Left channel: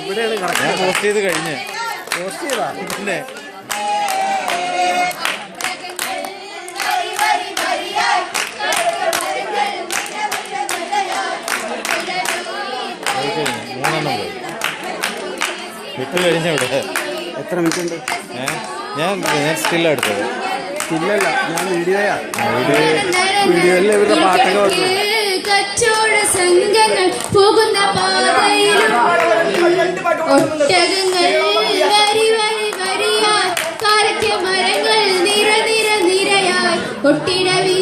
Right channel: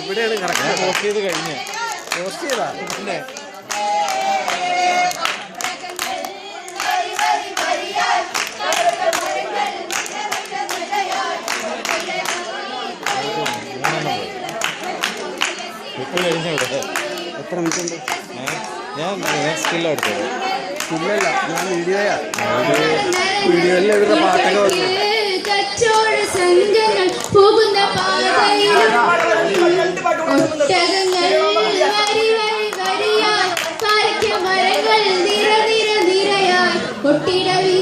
ഇവിടെയാണ് പോസ്റ്റ് ചെയ്ത് കഴിഞ്ഞ് പോസ്റ്റ് ചെയ്താ പിന്നെ വിട്ട് കഴിഞ്ഞ ഇവിടെ എത്ര മിനിറ്റ് ഉണ്ട്? ഞാൻ സ്റ്റില്ല എടുത്തത്. സ്റ്റില്ലല്ല, ഞാൻ വീഡിയോയാ. വീഡിയോയിൽ ഇവരുടെ പാട്ടൊക്കെ വന്നു. കച്ചവട സംഘങ്ങൾ പോകുന്ന പാതയിൽ വരി വരി വരിയായി മരങ്ങൾ നിര നിര നിരയായി ഒട്ടിട വീ